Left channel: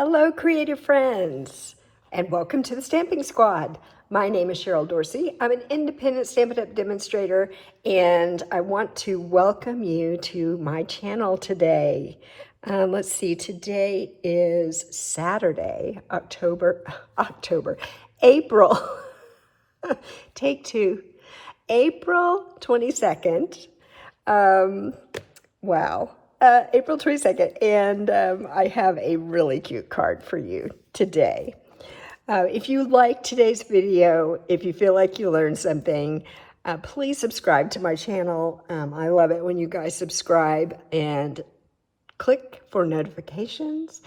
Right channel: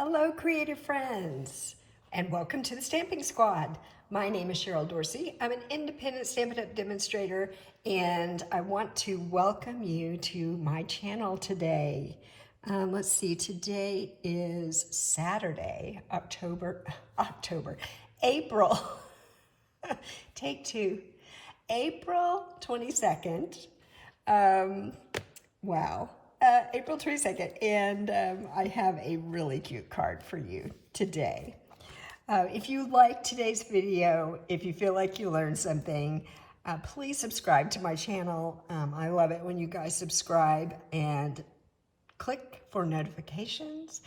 Hello, creative friends, and welcome to the Stamping Squad. My name is Cheryl Dorsey. I'm an independent Stampin' Up! Demonstrator, and I want to welcome you to my channel today. Let's see, today is Saturday, April, take two, April 22nd. Wow. April 22nd, and I have a really cute card for you today. If you like today's video, if you feel like you learned something, please subscribe to my channel. I love it when you guys subscribe and click for notifications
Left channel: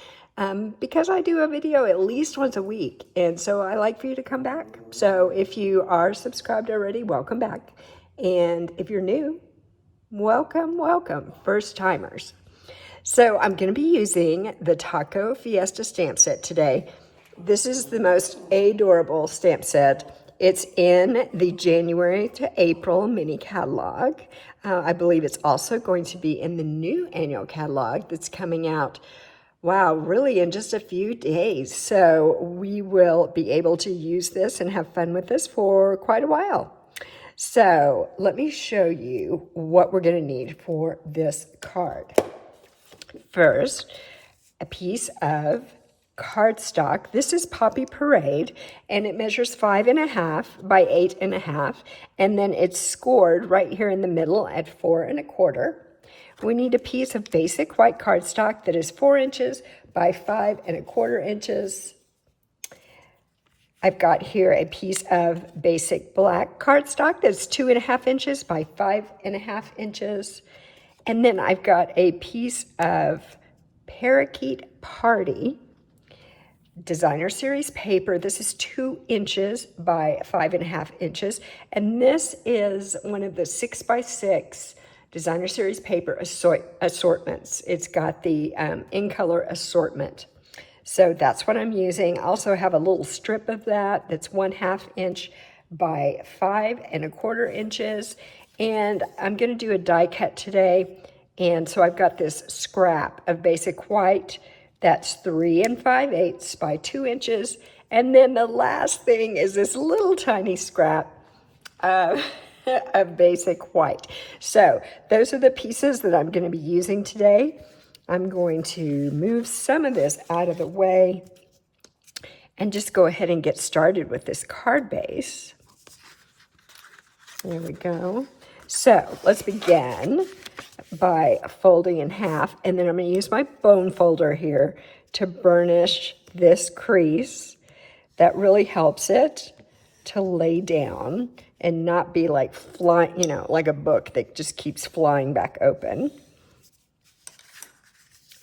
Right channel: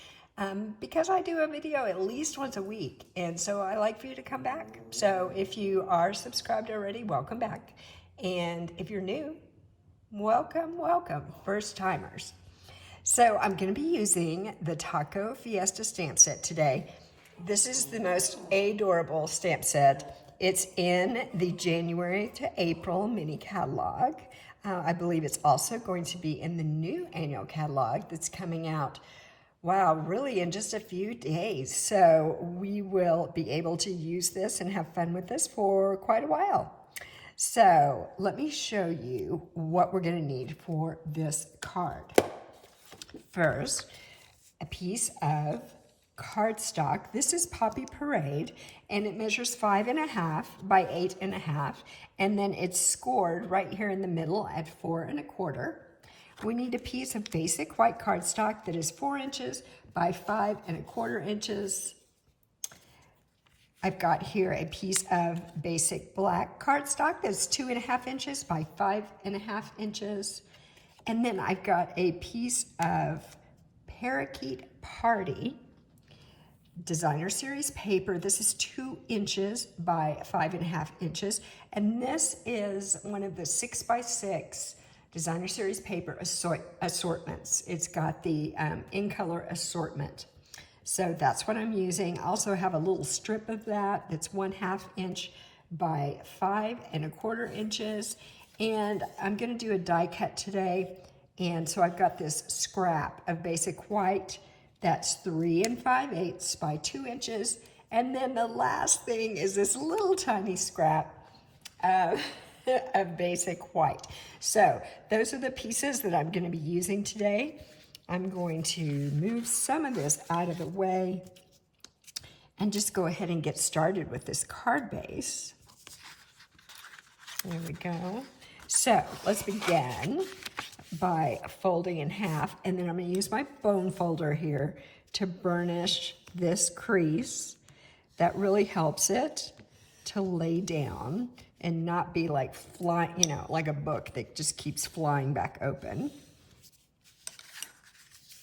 because I do a video at least once a week, and so I like for you to come back. So if you are subscribed already, welcome back. And if you're new, welcome, welcome, first timers. So I'm going to be using the Taco Fiesta Stamp Set today. This is the most adorable stamp set. It's in the January to April mini catalog. I believe it's also going to be in the new annual catalog that's coming out, wow, really in just a few days. So we will be able to use this and have fun with this for quite a while. So let me show you what we're going to need for this card. First, a piece of cardstock. This is Poppy Parade, and it measures 5.5 by 8.5, and then it's scored right here in the middle at 4 1/4. We need a piece of basic white cardstock that is 4 inches by 5 1/4 inches. I've got here a piece of basic black cardstock that's 2.5 inches by 5.5 inches. And then I've got a piece of Parakeet Party Designer Series paper. This is 2 inches by 5.5 inches. And this is one of the 6x6 Designer Series paper assortments. It's got the in color assortment. So that's what I'm using. I also have a little strip of that that's 1/2 inch by 5 1/4 inches. And I'm going to do a die cut today. And so I've got this scrap of basic white that's 3 5/8 by 2 inches. And then the last thing is this little tiny scrap of basic white. So those are the pieces that I'm going to be using today. I'm going to move some of this out of the way and just go ahead and get started with this card base. There we go. So let's begin by folding in half, and then I'm going to use my bone folder here to burnish this crease. That really helps it to lay down and not be like flying, you know, like a book that just keeps flying back open.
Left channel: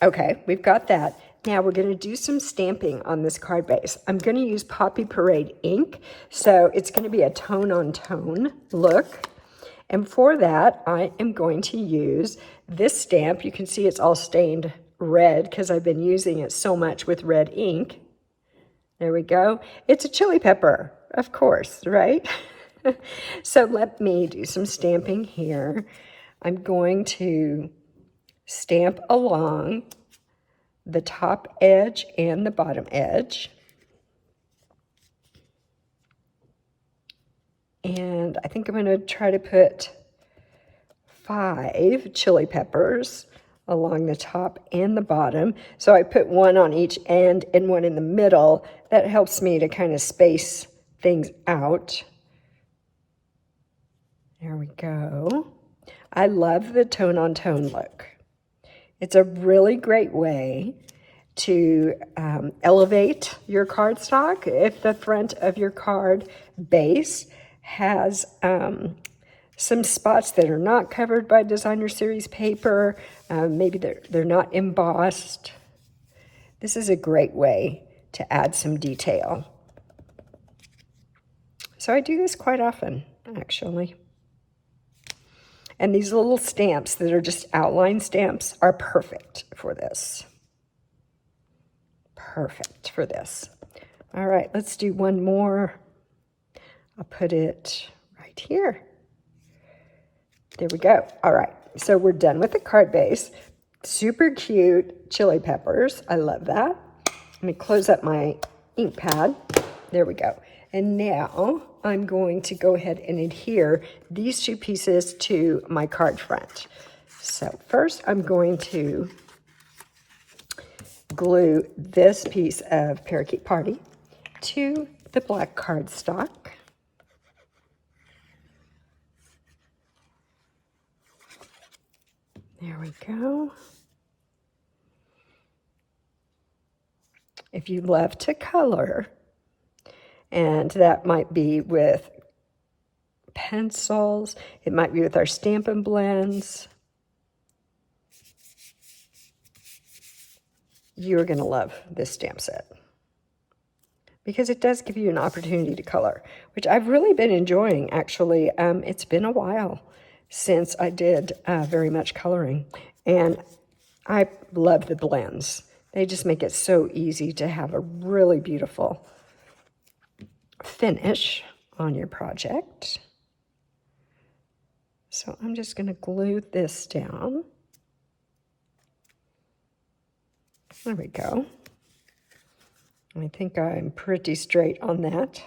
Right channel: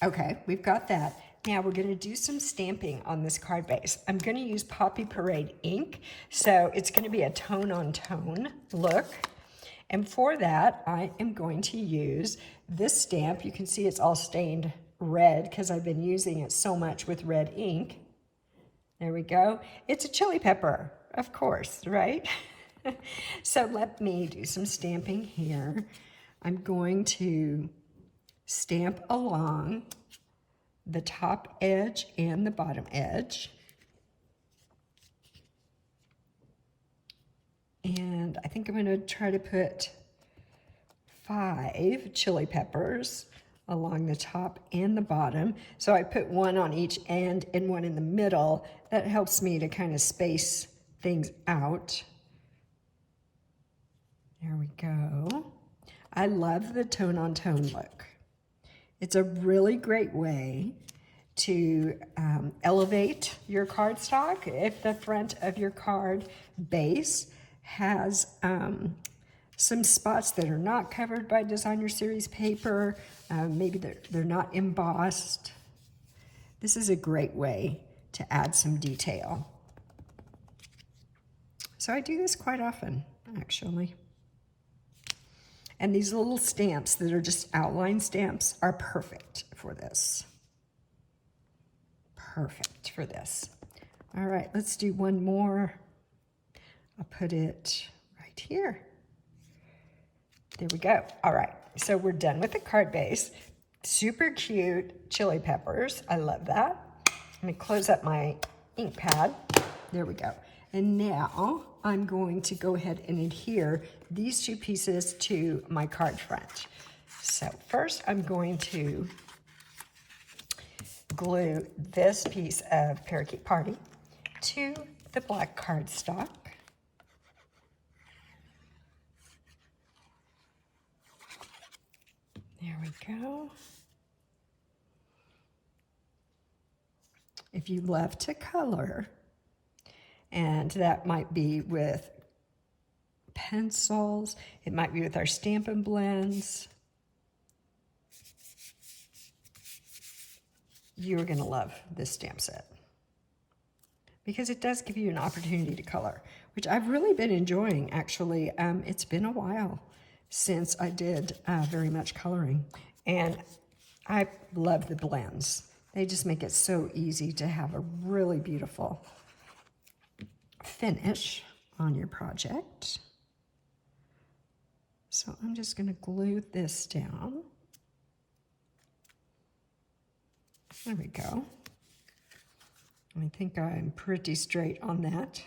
Okay, we've got that. Now we're going to do some stamping on this card base. I'm going to use Poppy Parade ink, so it's going to be a tone-on-tone look. And for that, I am going to use this stamp. You can see it's all stained red because I've been using it so much with red ink. There we go. It's a chili pepper, of course, right? So let me do some stamping here. I'm going to stamp along the top edge and the bottom edge. And I think I'm going to try to put 5 chili peppers along the top and the bottom. So I put one on each end and one in the middle. That helps me to kind of space things out. There we go. I love the tone-on-tone look. It's a really great way to elevate your cardstock. If the front of your card base has some spots that are not covered by Designer Series paper, maybe they're not embossed, this is a great way to add some detail. So I do this quite often, actually. And these little stamps that are just outline stamps are perfect for this. Perfect for this. All right, let's do one more. I'll put it right here. There we go. All right, so we're done with the card base. Super cute chili peppers. I love that. Let me close up my ink pad. There we go. And now I'm going to go ahead and adhere these two pieces to my card front. So first I'm going to glue this piece of Parakeet Party to the black cardstock. There we go. If you love to color, and that might be with pencils, it might be with our Stampin' blends, you're going to love this stamp set because it does give you an opportunity to color, which I've really been enjoying actually. It's been a while since I did very much coloring, and I love the blends. They just make it so easy to have a really beautiful finish on your project. So I'm just going to glue this down. There we go. I think I'm pretty straight on that.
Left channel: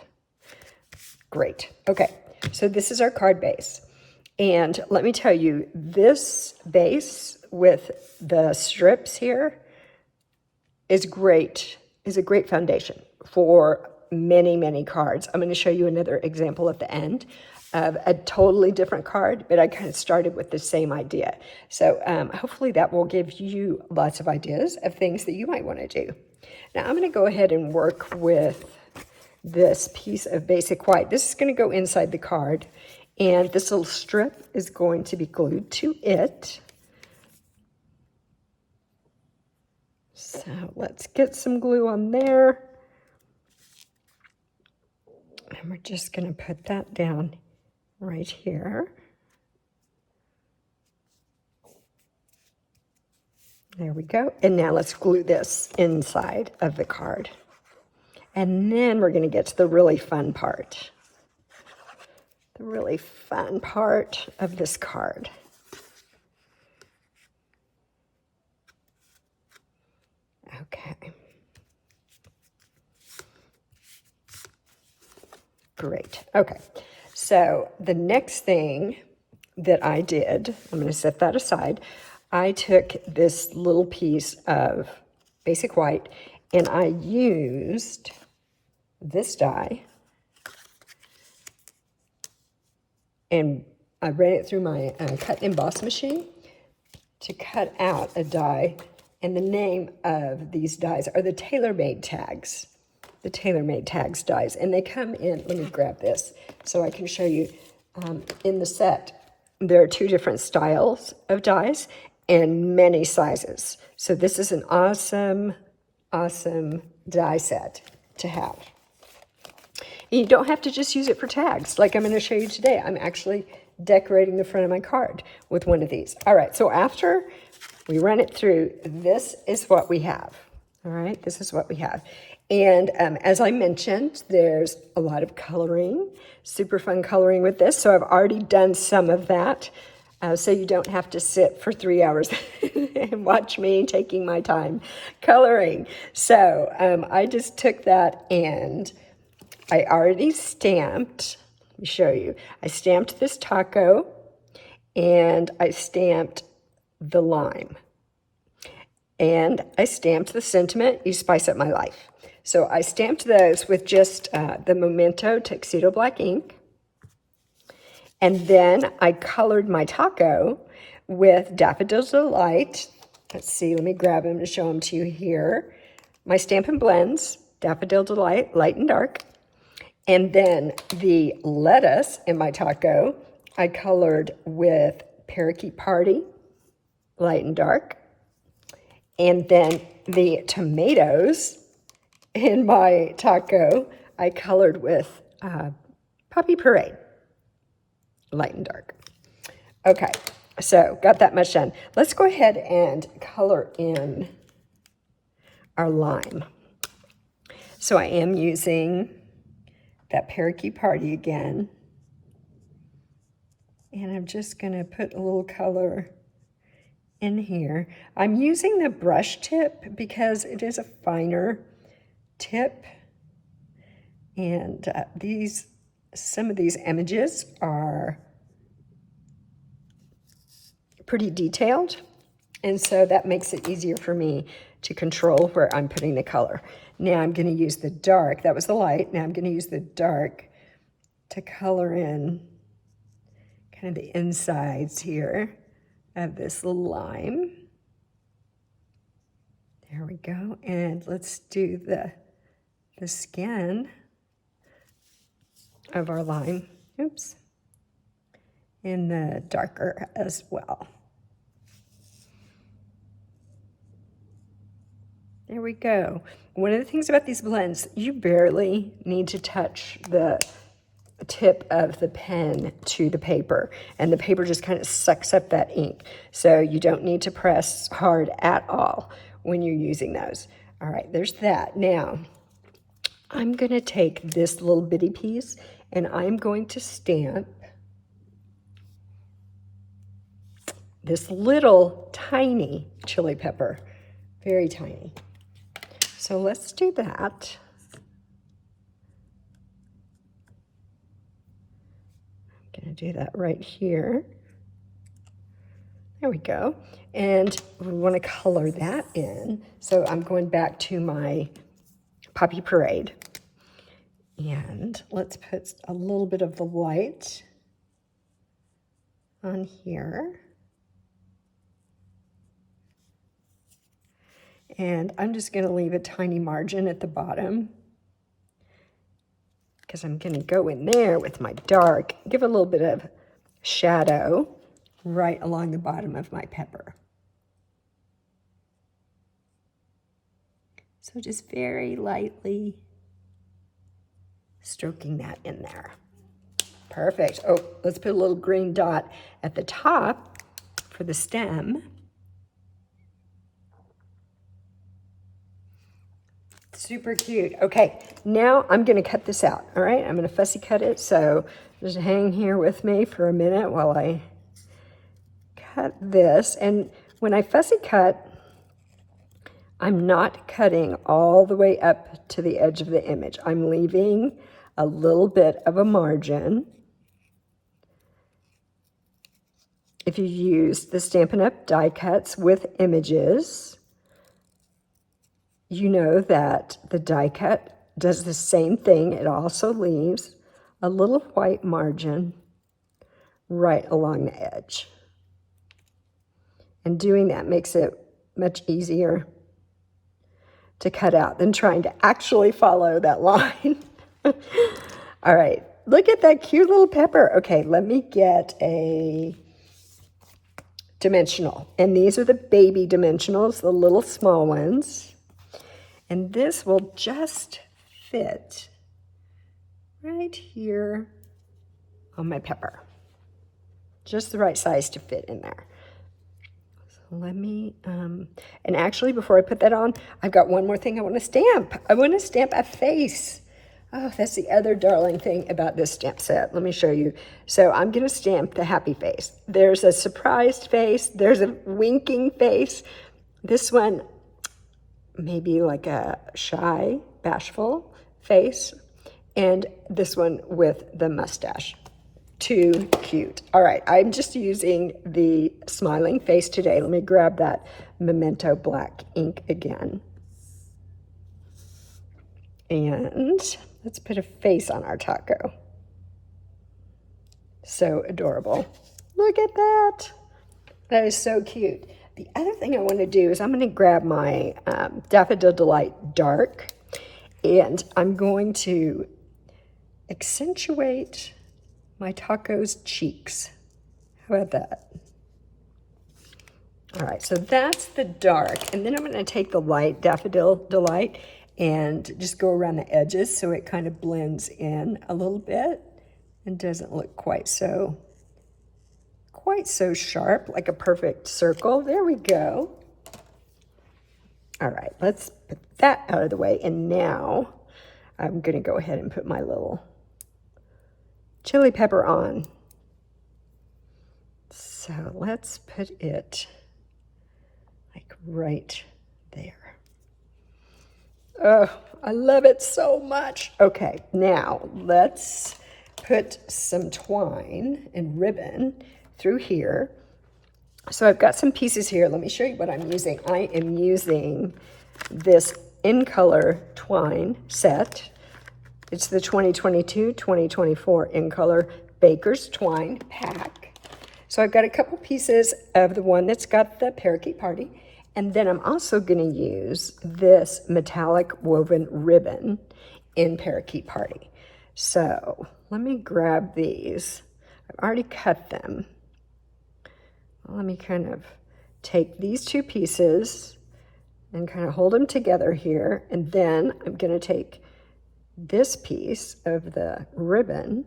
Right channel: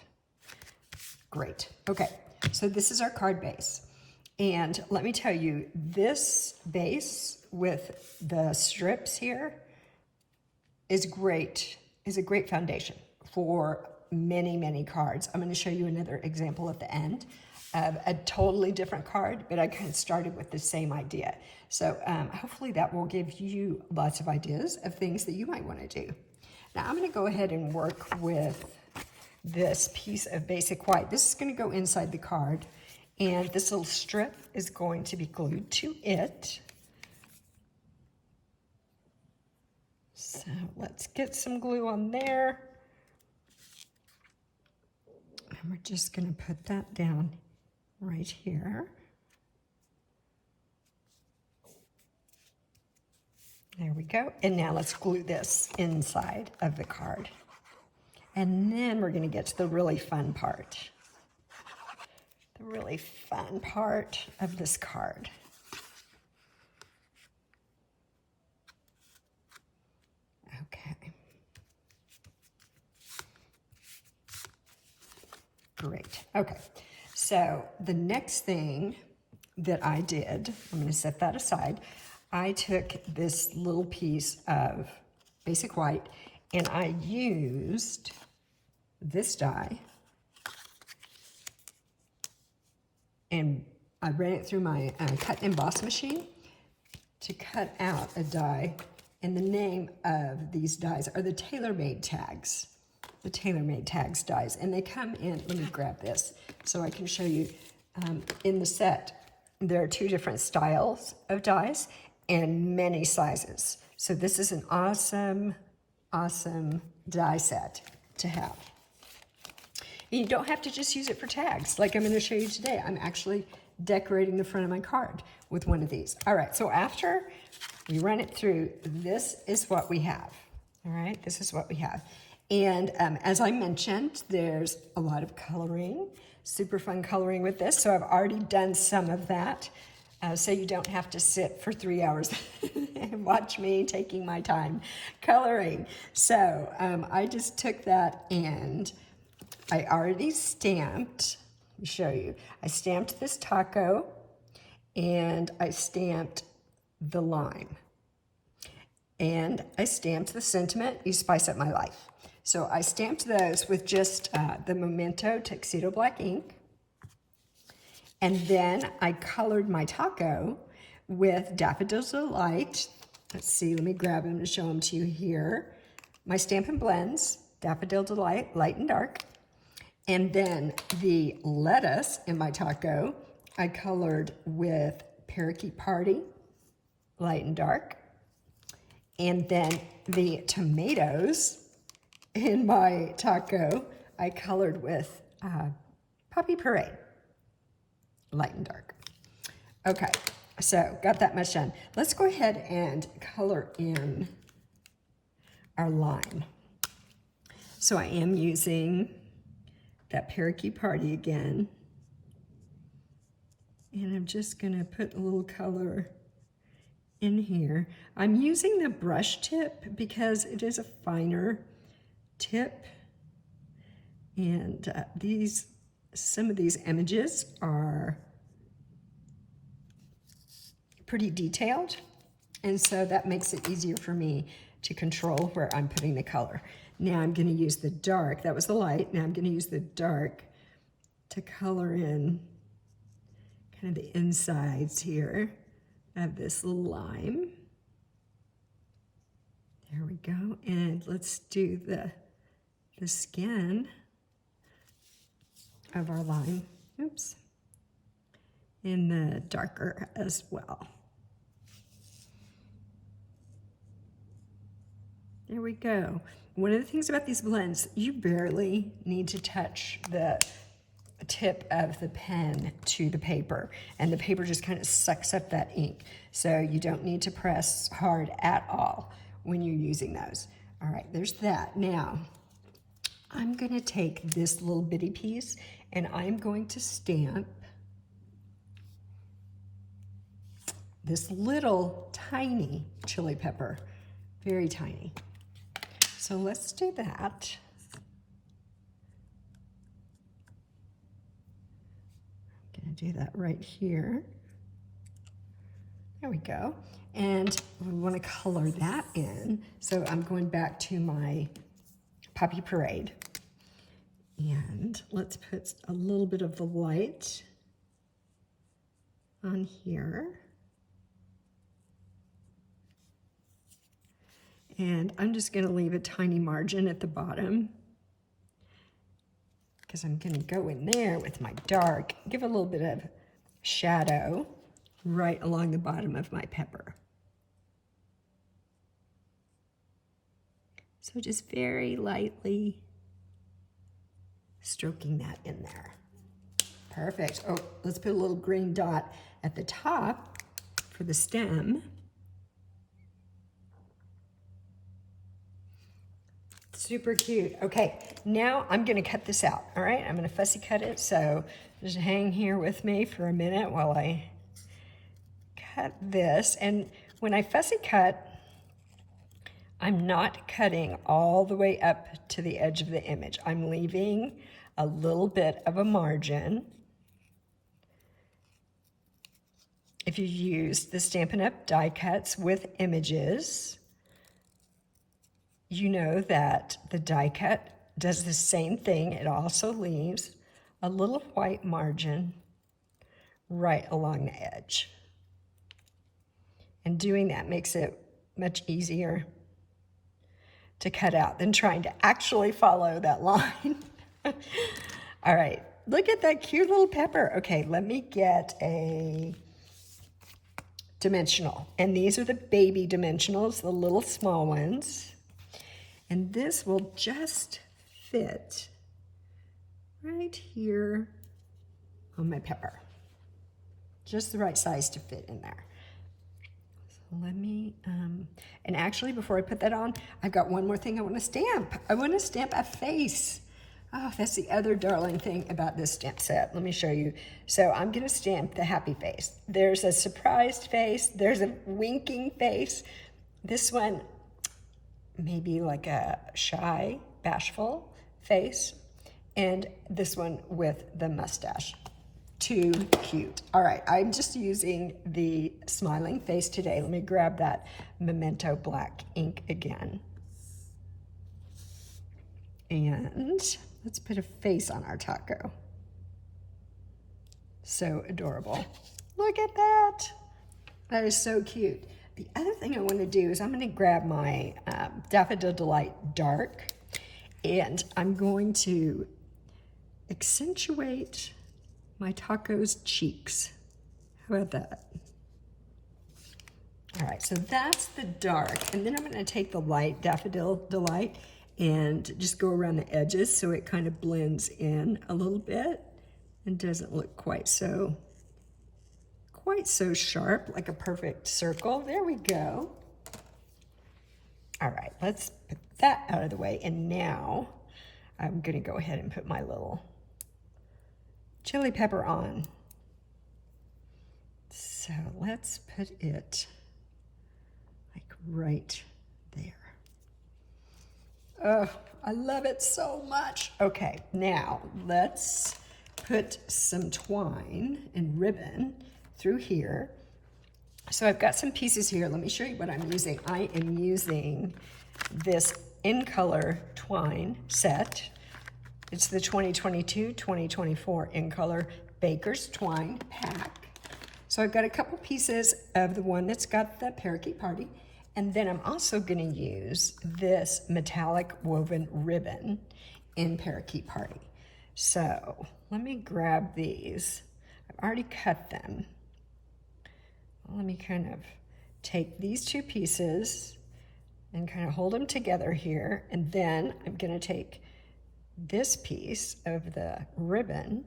Great. Okay, so this is our card base. And let me tell you, this base with the strips here is great, is a great foundation for many, many cards. I'm going to show you another example at the end of a totally different card, but I kind of started with the same idea. So hopefully that will give you lots of ideas of things that you might want to do. Now I'm going to go ahead and work with this piece of basic white. This is going to go inside the card, and this little strip is going to be glued to it. So let's get some glue on there. And we're just going to put that down right here. There we go. And now let's glue this inside of the card. And then we're going to get to the really fun part. The really fun part of this card. Okay. Great. Okay. So the next thing that I did, I'm going to set that aside. I took this little piece of basic white and I used this die and I ran it through my cut and emboss machine to cut out a die. And the name of these dies are the Tailor made tags. The Tailor made tags dies. And they come in, let me grab this so I can show you. In the set, there are two different styles of dies and many sizes. So this is an awesome, awesome die set to have. You don't have to just use it for tags like I'm going to show you today. I'm actually decorating the front of my card with one of these. All right, so after we run it through, this is what we have. All right, this is what we have. And as I mentioned, there's a lot of coloring, super fun coloring with this. So I've already done some of that. So you don't have to sit for 3 hours and watch me taking my time coloring. So I just took that and I already stamped, let me show you. I stamped this taco and I stamped the lime. And I stamped the sentiment, you spice up my life. So I stamped those with just the Memento Tuxedo black ink. And then I colored my taco with Daffodil Delight. Let's see, let me grab them to show them to you here. My Stampin' blends, Daffodil Delight, light and dark. And then the lettuce in my taco, I colored with Parakeet Party, light and dark. And then the tomatoes in my taco, I colored with Poppy Parade, light and dark. Okay, so got that much done. Let's go ahead and color in our lime. So I am using that Parakeet Party again. And I'm just going to put a little color in here. I'm using the brush tip because it is a finer tip. And some of these images are pretty detailed, and so that makes it easier for me to control where I'm putting the color. Now I'm going to use the dark. That was the light. Now I'm going to use the dark to color in kind of the insides here of this lime. There we go. And let's do the skin of our lime. Oops. In the darker as well. There we go. One of the things about these blends, you barely need to touch the tip of the pen to the paper, and the paper just kind of sucks up that ink. So you don't need to press hard at all when you're using those. All right, there's that. Now, I'm gonna take this little bitty piece and I'm going to stamp this little tiny chili pepper, very tiny. So let's do that. I'm gonna do that right here. There we go. And we wanna color that in. So I'm going back to my Poppy Parade. And let's put a little bit of the light on here. And I'm just going to leave a tiny margin at the bottom because I'm going to go in there with my dark, give a little bit of shadow right along the bottom of my pepper. So just very lightly stroking that in there. Perfect. Oh, let's put a little green dot at the top for the stem. Super cute. Okay, now I'm gonna cut this out, all right? I'm gonna fussy cut it, so just hang here with me for a minute while I cut this. And when I fussy cut, I'm not cutting all the way up to the edge of the image. I'm leaving a little bit of a margin. If you use the Stampin' Up! Die cuts with images, you know that the die cut does the same thing. It also leaves a little white margin right along the edge. And doing that makes it much easier to cut out than trying to actually follow that line. All right, look at that cute little pepper. Okay, let me get a dimensional. And these are the baby dimensionals, the little small ones. And this will just fit right here on my pepper. Just the right size to fit in there. So let me, and actually before I put that on, I've got one more thing I want to stamp. I want to stamp a face. Oh, that's the other darling thing about this stamp set. Let me show you. So I'm going to stamp the happy face. There's a surprised face. There's a winking face. This one, maybe like a shy, bashful face, and this one with the mustache. Too cute. All right, I'm just using the smiling face today. Let me grab that Memento black ink again. And let's put a face on our taco. So adorable. Look at that. That is so cute. The other thing I want to do is I'm going to grab my Daffodil Delight Dark, and I'm going to accentuate my taco's cheeks. How about that? All right, so that's the dark, and then I'm going to take the light Daffodil Delight and just go around the edges so it kind of blends in a little bit and doesn't look quite so sharp, like a perfect circle. There we go. All right, let's put that out of the way. And now I'm gonna go ahead and put my little chili pepper on. So let's put it like right there. Oh, I love it so much. Okay, now let's put some twine and ribbon through here. So I've got some pieces here. Let me show you what I'm using. I am using this In Color twine set. It's the 2022-2024 In Color Baker's Twine pack. So I've got a couple pieces of the one that's got the parakeet party, and then I'm also going to use this metallic woven ribbon in parakeet party. So let me grab these. I've already cut them. Let me kind of take these two pieces and kind of hold them together here, and then I'm going to take this piece of the ribbon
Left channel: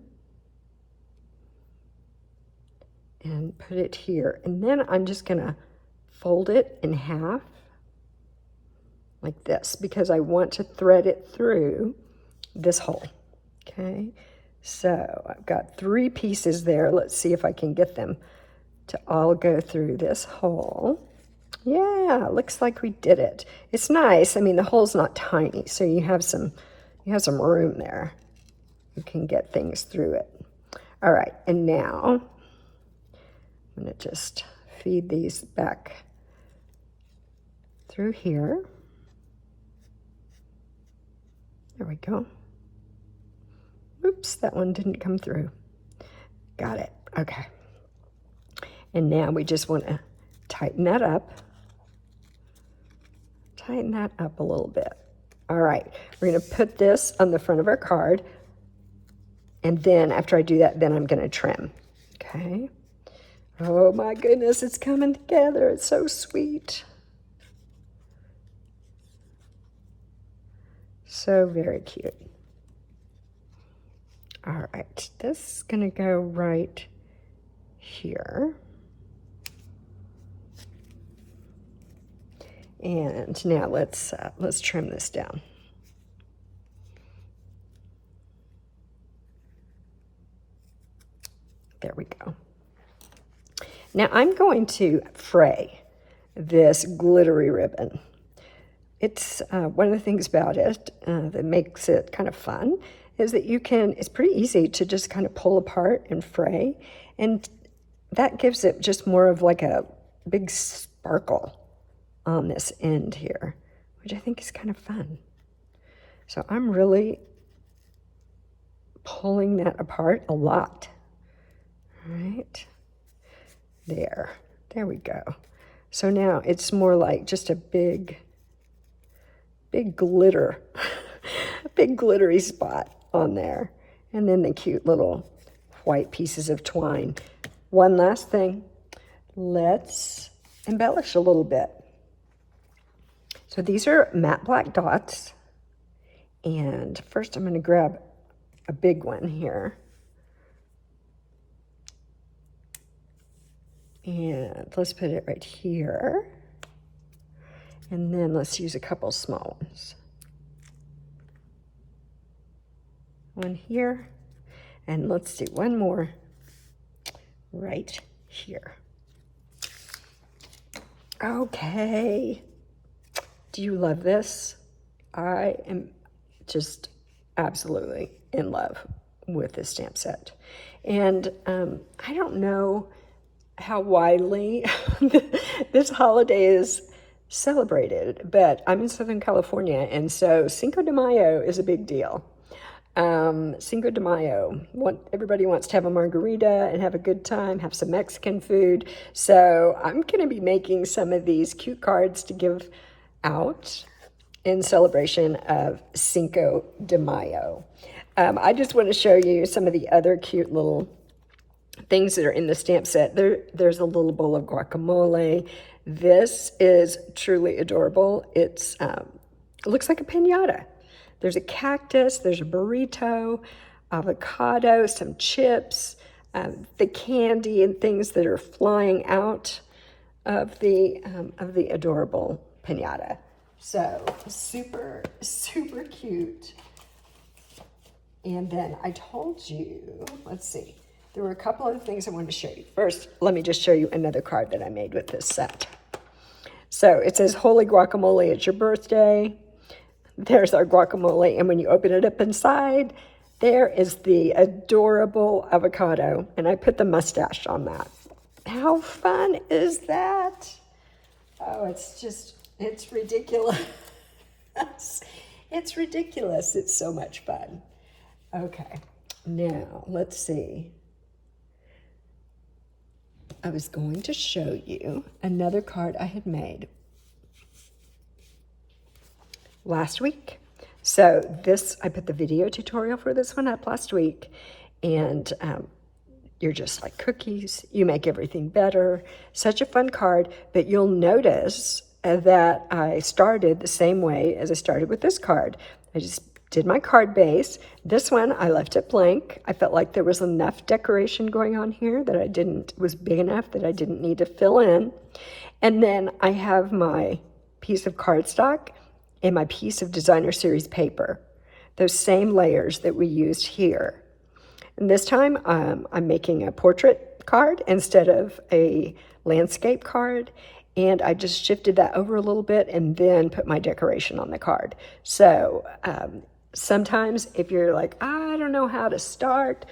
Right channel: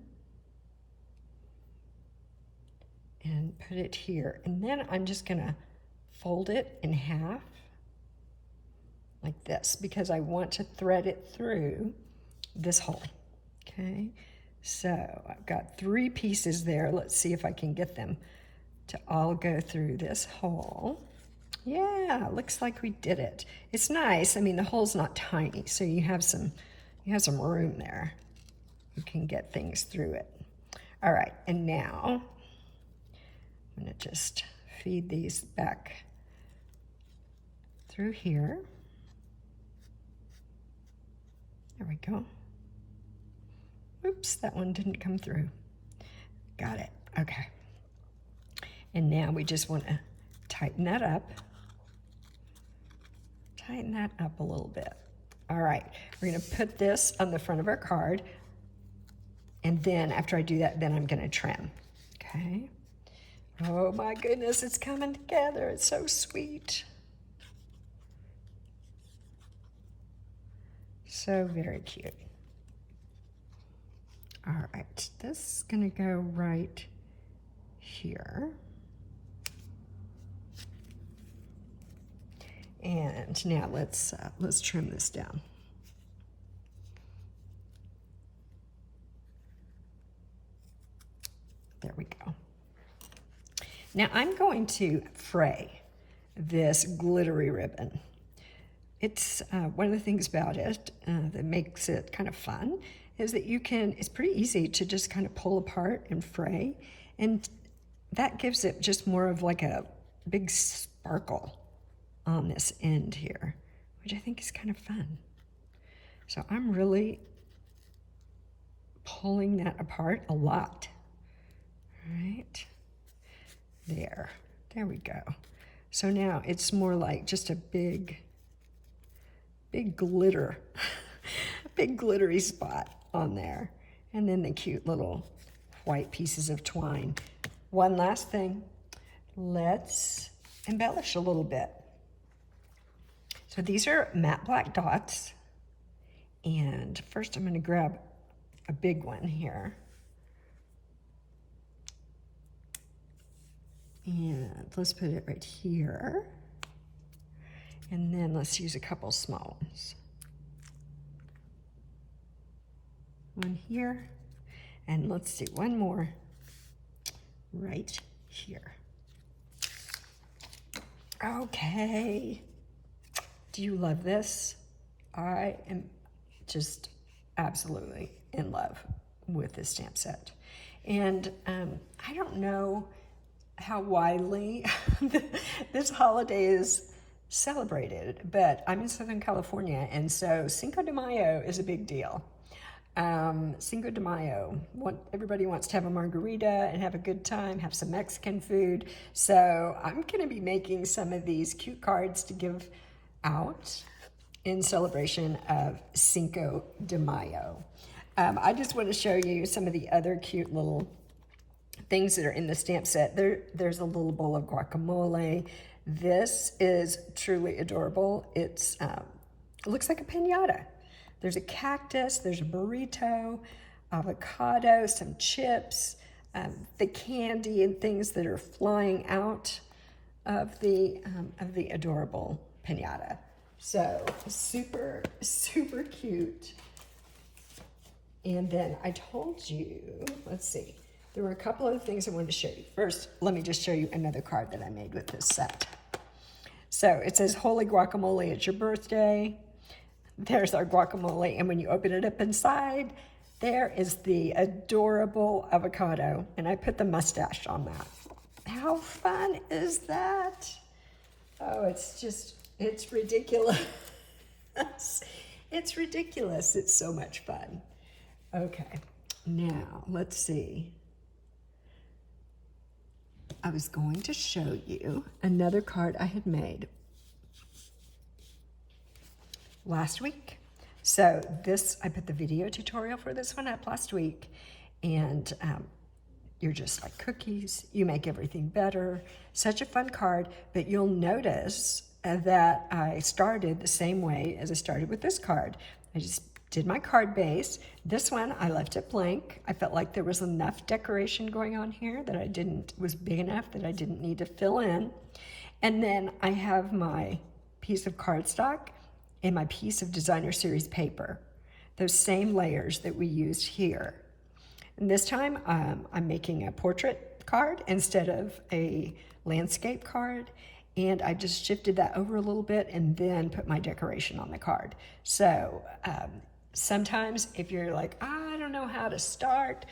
and put it here, and then I'm just going to fold it in half like this because I want to thread it through this hole. Okay, so I've got 3 pieces there. Let's see if I can get them to all go through this hole. Yeah, looks like we did it. It's nice. I mean, the hole's not tiny, so you have some room there. You can get things through it. All right, and now I'm going to just feed these back through here. There we go. Oops, that one didn't come through. Got it. Okay. And now we just want to tighten that up. Tighten that up a little bit. All right, we're going to put this on the front of our card. And then after I do that, then I'm going to trim. Okay. Oh my goodness, it's coming together. It's so sweet. So very cute. All right, this is going to go right here. And now let's trim this down. There we go. Now I'm going to fray this glittery ribbon. It's one of the things about it that makes it kind of fun is that it's pretty easy to just kind of pull apart and fray, and that gives it just more of like a big sparkle on this end here, which I think is kind of fun. So I'm really pulling that apart a lot. All right, there we go. So now it's more like just a big glitter, a big glittery spot on there. And then the cute little white pieces of twine. One last thing, let's embellish a little bit. So these are matte black dots. And first I'm going to grab a big one here. And let's put it right here. And then let's use a couple small ones. One here. And let's do one more right here. Okay. Do you love this? I am just absolutely in love with this stamp set. And I don't know how widely this holiday is celebrated, but I'm in Southern California, and so Cinco de Mayo is a big deal. Cinco de Mayo, everybody wants to have a margarita and have a good time, have some Mexican food. So I'm going to be making some of these cute cards to give out in celebration of Cinco de Mayo. I just want to show you some of the other cute little things that are in the stamp set. There's a little bowl of guacamole. This is truly adorable. It looks like a piñata. There's a cactus, there's a burrito, avocado, some chips, the candy and things that are flying out of the adorable piñata. So super, super cute. And then I told you, let's see, there were a couple of things I wanted to show you. First, let me just show you another card that I made with this set. So it says, Holy Guacamole, it's your birthday. there's our guacamole. And when you open it up inside, there is the adorable avocado. And I put the mustache on that. How fun is that? Oh, it's ridiculous. It's ridiculous. It's so much fun. Okay, now let's see. I was going to show you another card I had made last week. So I put the video tutorial for this one up last week, and you're just like cookies. You make everything better. Such a fun card, but you'll notice that I started the same way as I started with this card. I just did my card base. This one, I left it blank. I felt like there was enough decoration going on here that was big enough that I didn't need to fill in. And then I have my piece of cardstock and my piece of designer series paper, those same layers that we used here. And this time I'm making a portrait card instead of a landscape card. And I just shifted that over a little bit and then put my decoration on the card. So sometimes if you're like, I don't know how to start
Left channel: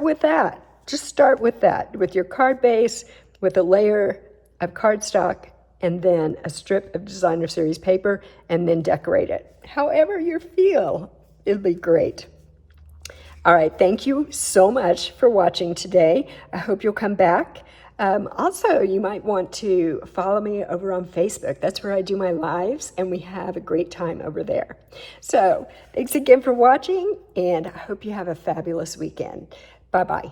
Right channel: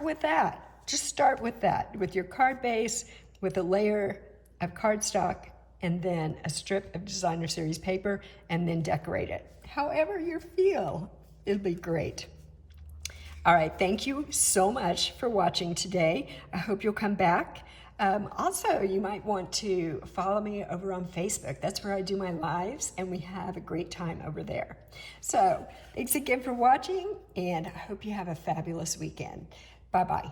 with that. Just start with that, with your card base, with a layer of cardstock, and then a strip of designer series paper, and then decorate it. However you feel, it'll be great. All right, thank you so much for watching today. I hope you'll come back. Also, you might want to follow me over on Facebook. That's where I do my lives, and we have a great time over there. So, thanks again for watching, and I hope you have a fabulous weekend. Bye-bye.